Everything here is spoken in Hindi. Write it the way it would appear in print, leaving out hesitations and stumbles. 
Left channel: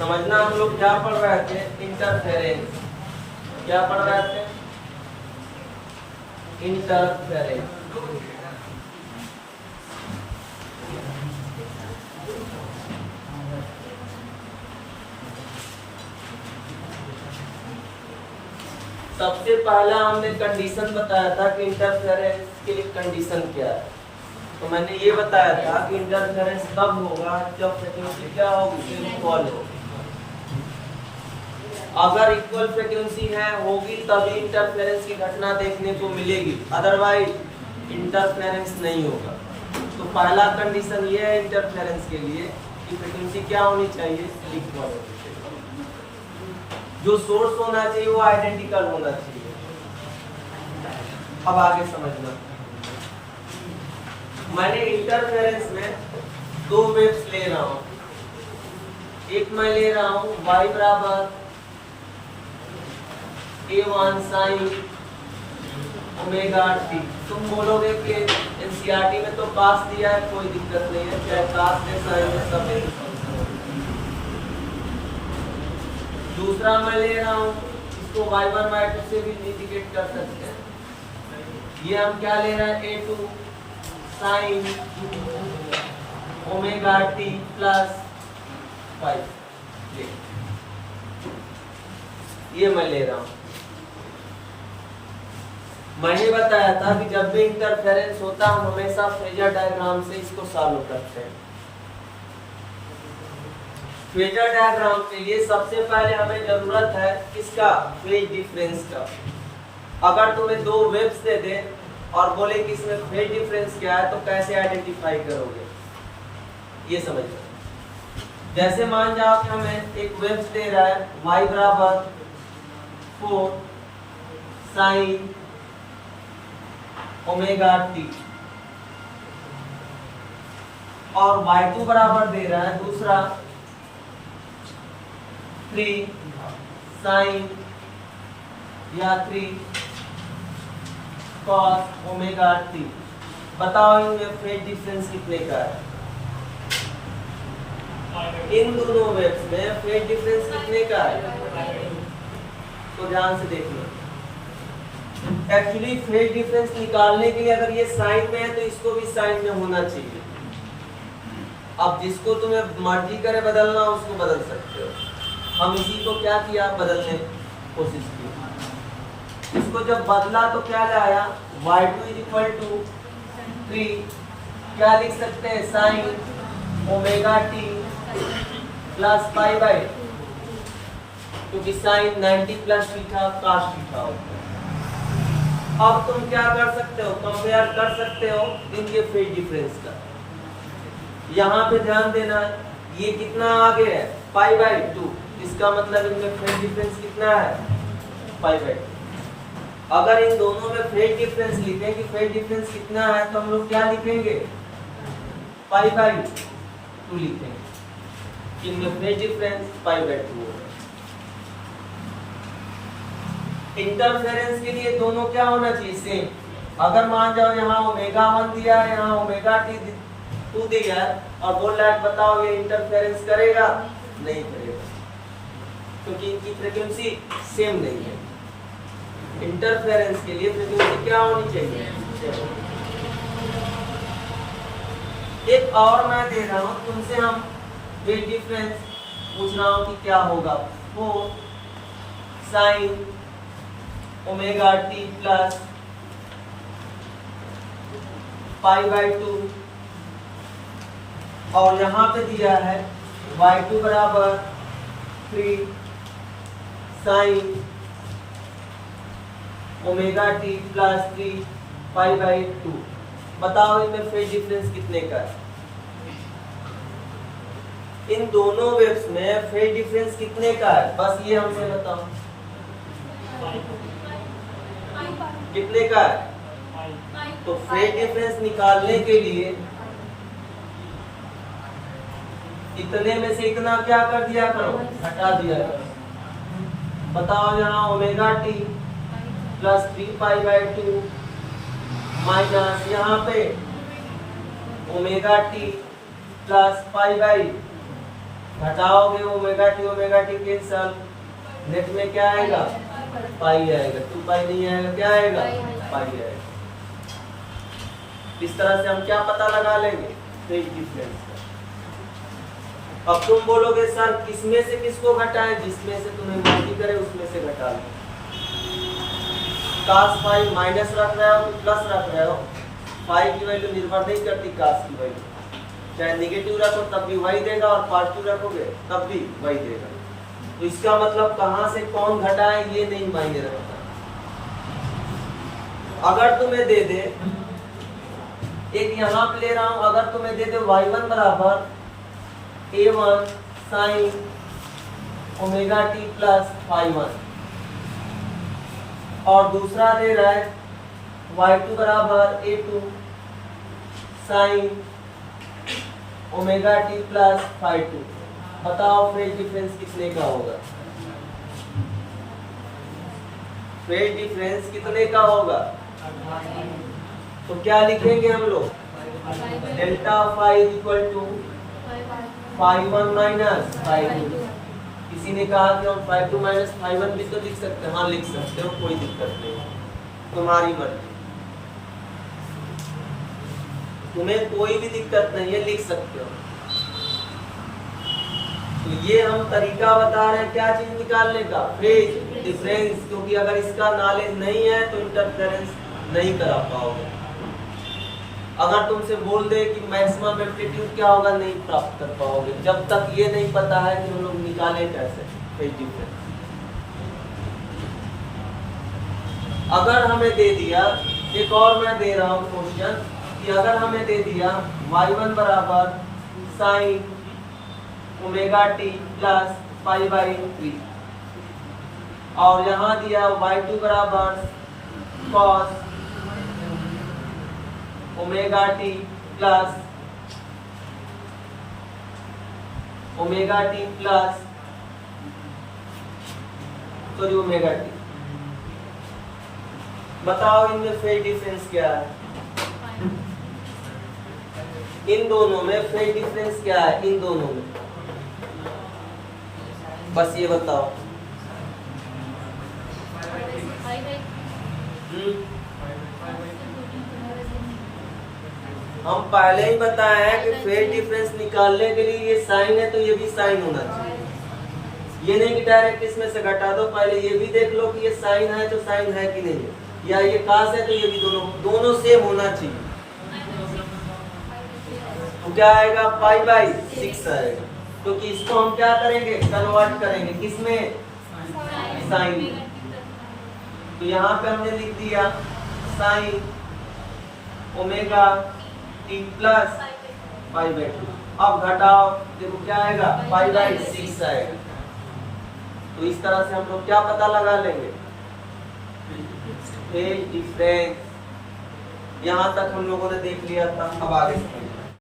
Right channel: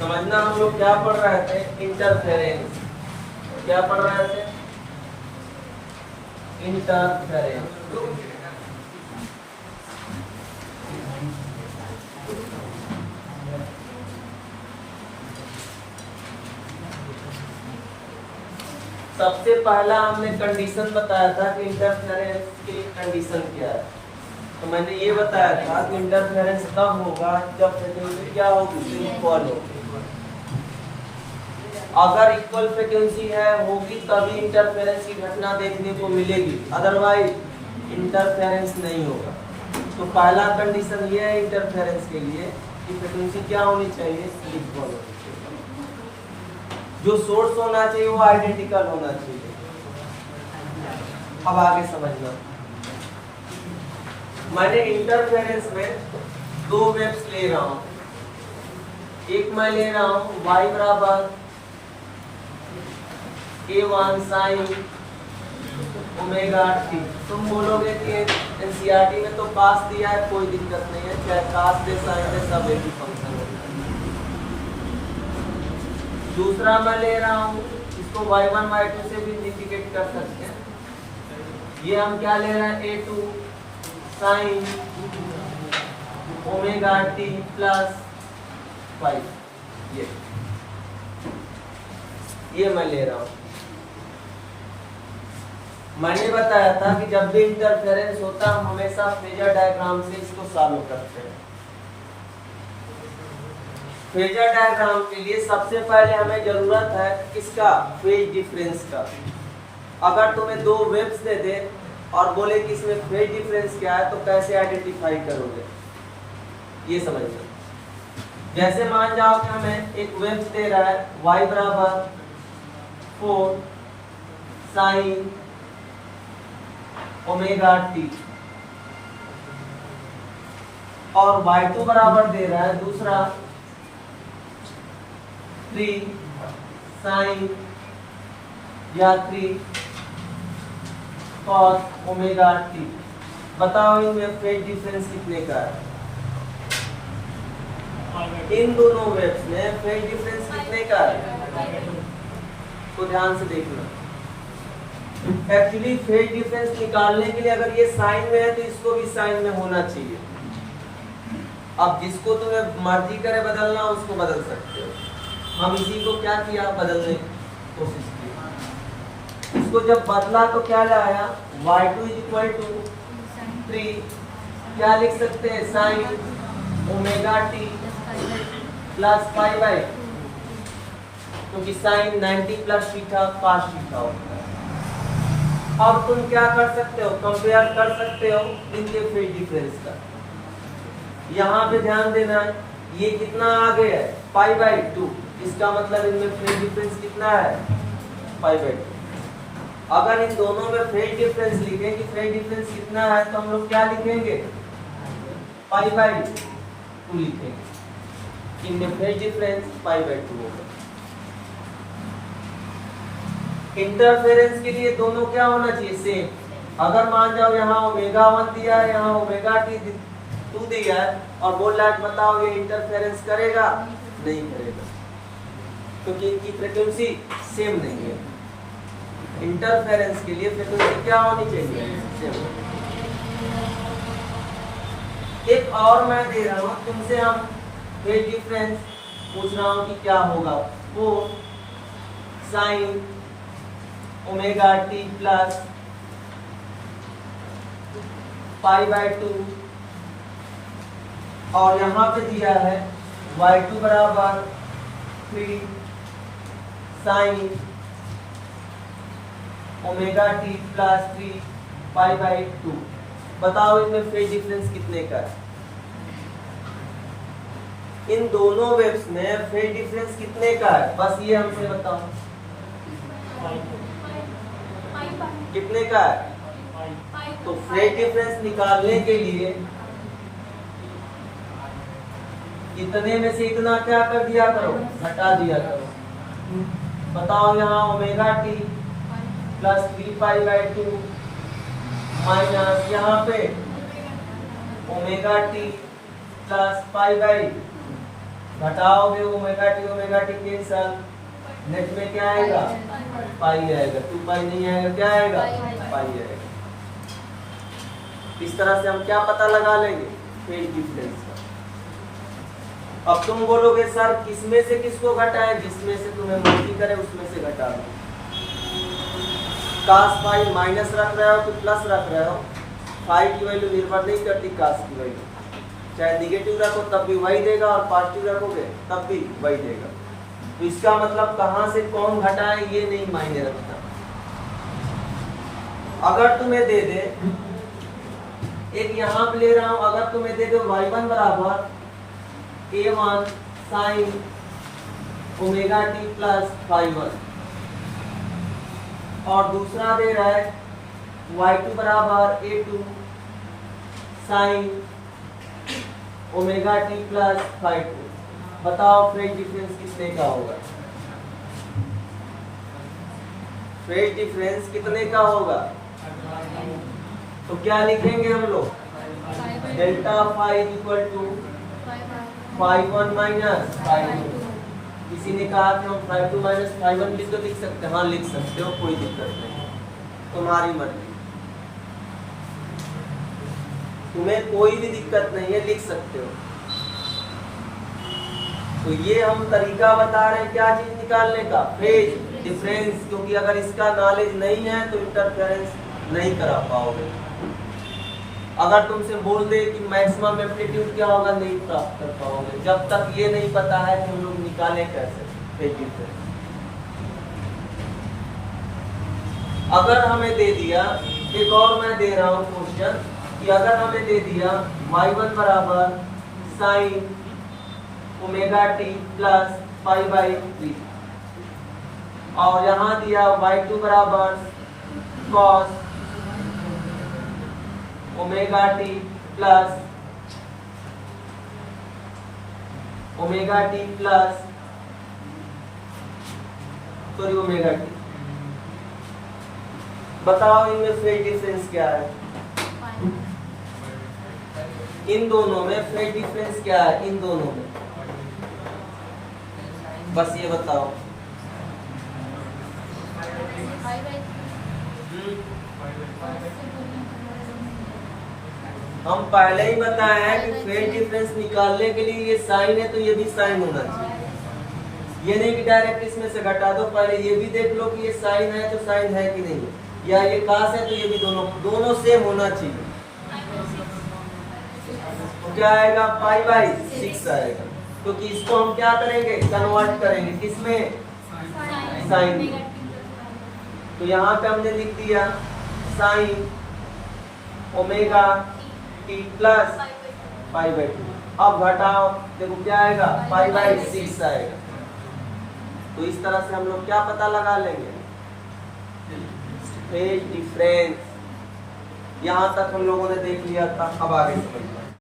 समझना, हम लोग क्या पढ़ रहे थे? इंटरफेरेंस। क्या पढ़ रहे थे? इंटरफेरेंस। सबसे पहला हमने कंडीशन बताया था कि इंटरफेरेंस की कंडीशन क्या है। तो मैंने ये बताया था कि इंटरफेरेंस तब होगा जब फ्रीक्वेंसी क्या होगी? इक्वल होगी। अगर इक्वल फ्रीक्वेंसी होगी तभी इंटरफेरेंस की घटना देखने को मिलेगी, अदरवाइज इंटरफेरेंस नहीं होगा। तो पहला कंडीशन ये है इंटरफेरेंस के लिए कि फ्रीक्वेंसी क्या होनी चाहिए? इक्वल होनी चाहिए। जो सोर्स होना चाहिए वो आइडेंटिकल होना चाहिए। अब आगे समझना, मैंने इंटरफेरेंस में दो वेव्स ले रहा हूं। एक मैं ले रहा हूं y बराबर A1 sin ओमेगा t। तुम बोलोगे कि एनसीईआरटी में तो पास दिया है, कोई दिक्कत नहीं है, चाहे कास के साइन में सब एक फंक्शन है। दूसरा मैं ले रहा हूं, इसको y1 y2 से भी इंडिकेट कर सकते हैं। ये हम क्या ले रहे हैं? A2 sin omega t plus 5। ये मैं ले रहा हूं। मैंने बताया था कि जब भी इंटरफेरेंस होता है हम हमेशा फेजर डायग्राम से इसको सॉल्व करते हैं। फेजर डायग्राम के लिए सबसे पहले हमें जरूरत है किसका? फेज डिफरेंस का। अगर तुम्हें दो वेव्स दे दे और बोले कि इसमें फेज डिफरेंस क्या है तो कैसे आइडेंटिफाई करोगे? ये समझना। जैसे मान जाओ कि हमें एक वेव्स दे रहा है y बराबर 4 sin ओमेगा t और y2 बराबर दे रहा है दूसरा 3 sin या 3 cos ओमेगा t। बताओ इनमें फेज डिफरेंस कितने का है? इन दोनों वेव्स में फेज डिफरेंस कितने का है? तो ध्यान से देखना। एक्चुअली फेज डिफरेंस निकालने के लिए अगर ये साइन में है तो इसको भी साइन में होना चाहिए। अब जिसको तुम्हें मर्जी करे बदलना उसको बदल सकते हो। हम इसी को क्या किया? बदलने की कोशिश की। इसको जब बदला तो क्या लाया? y2 = 3। क्या लिख सकते हैं? Sine omega t plus pi by, क्योंकि sine 90 plus theta cos theta होता है। अब तुम क्या कर सकते हो? कंपेयर कर सकते हो इनके फेज डिफरेंस का। यहाँ पे ध्यान देना है, ये कितना आगे है? π/2। इसका मतलब इनमें फेज डिफरेंस कितना है? π/2। अगर इन दोनों में फेज डिफरेंस लिखें कि फेज डिफरेंस कितना है तो हम लोग क्या लिखेंगे? π/2 लिखेंगे। इनमें फेज डिफरेंस π/2 होगा। इंटरफेरेंस के लिए दोनों क्या होना चाहिए? सेम। अगर मान जाओ यहाँ ओमेगा 1 दिया है, यहाँ ओमेगा t 2 दिया है और बोल रहा है बताओ ये इंटरफेरेंस करेगा? नहीं करेगा, क्योंकि इनकी फ्रीक्वेंसी सेम नहीं है। इंटरफेरेंस के लिए फ्रीक्वेंसी क्या होनी चाहिए? सेम। एक और मैं दे रहा हूँ तुमसे, हम फेज डिफरेंस पूछ रहा हूँ कि क्या होगा? 4 sin ओमेगा t प्लस π/2 और यहाँ पे दिया है y2 बराबर 3 sin ओमेगा t प्लस 3 π/2। बताओ इनमें फेज डिफरेंस कितने का है? इन दोनों वेव्स में फेज डिफरेंस कितने का है? बस ये हमसे बताओ कितने का है? तो फेज डिफरेंस निकालने के लिए इतने में से इतना क्या कर दिया करो? घटा दिया करो। बताओ यहाँ ओमेगा t प्लस 3 π/2 माइनस यहाँ पे ओमेगा t प्लस π/2 घटाओगे ओमेगा टी के साथ, नेट में क्या आएगा? पाई आएगा। 2 पाई नहीं आएगा, क्या आएगा? पाई आएगा। इस तरह से हम क्या पता लगा लेंगे? फेज डिफरेंस का। अब तुम बोलोगे सर किसमें से किसको घटाए? जिसमें से तुम्हें मर्जी करे उसमें से घटा दो। cos फाई माइनस रख रहे हो तो प्लस रख रहे हो, फाई की वैल्यू निर्भर नहीं करती cos की वैल्यू, चाहे निगेटिव रखो तब भी वही देगा और पॉजिटिव रखोगे तब भी वही देगा। तो इसका मतलब कहां से कौन घटाए ये नहीं मायने रखता। अगर तुम्हें दे दे, एक यहाँ पे ले रहा हूं, अगर तुम्हें दे दे y1 बराबर a1 sine omega t plus phi 1, और दूसरा दे रहा है y2 बराबर a2 sine omega t plus phi 2। बताओ फेज डिफरेंस कितने का होगा? फेज डिफरेंस कितने का होगा? तो क्या लिखेंगे हम लोग? Delta phi equal to phi 1 minus phi 2। किसी ने कहा कि हम फाई 2 माइनस फाई 1 भी तो लिख सकते हैं। हाँ लिख सकते हो, कोई दिक्कत नहीं, तुम्हारी मर्जी, तुम्हें कोई भी दिक्कत नहीं है, लिख सकते हो। तो ये हम तरीका बता रहे हैं क्या चीज निकालने का? Phase difference. क्योंकि अगर इसका नॉलेज नहीं है तो इंटरफेरेंस नहीं करा पाओगे। अगर तुमसे बोल दे कि मैक्सिमम एम्पलीट्यूड क्या होगा, नहीं प्राप्त कर पाओगे जब तक ये नहीं पता है कि हम लोग निकाले कैसे फेज डिफरेंस। अगर हमें दे दिया, एक और मैं दे रहा हूं क्वेश्चन, कि अगर हमें दे दिया y1 बराबर sign omega t plus pi by 3, और यहाँ दिया y2 बराबर cos omega t plus sorry omega T. बताओ इनमें फेज डिफरेंस क्या है? इन दोनों में फेज डिफरेंस क्या है? इन दोनों में बस ये बताओ। हम पहले ही बताया है कि फेज डिफरेंस निकालने के लिए ये साइन है तो ये भी साइन होना चाहिए। ये नहीं कि डायरेक्ट इसमें से घटा दो, पहले ये भी देख लो कि ये साइन है तो साइन है कि नहीं है, या ये कास है तो ये भी दोनों सेम होना चाहिए। तो क्या आएगा? पाई बाई 6 आएगा। क्योंकि इसको हम क्या करेंगे? कन्वर्ट करेंगे किसमें? साइन में। तो यहाँ पे हमने लिख दिया sign omega t plus pi by 2। अब घटाओ, देखो क्या आएगा? पाई बाई 6 आएगा। तो इस तरह से हम लोग क्या पता लगा लेंगे? Phase difference. यहाँ तक हम लोगों ने देख लिया था, अब आगे समझिए।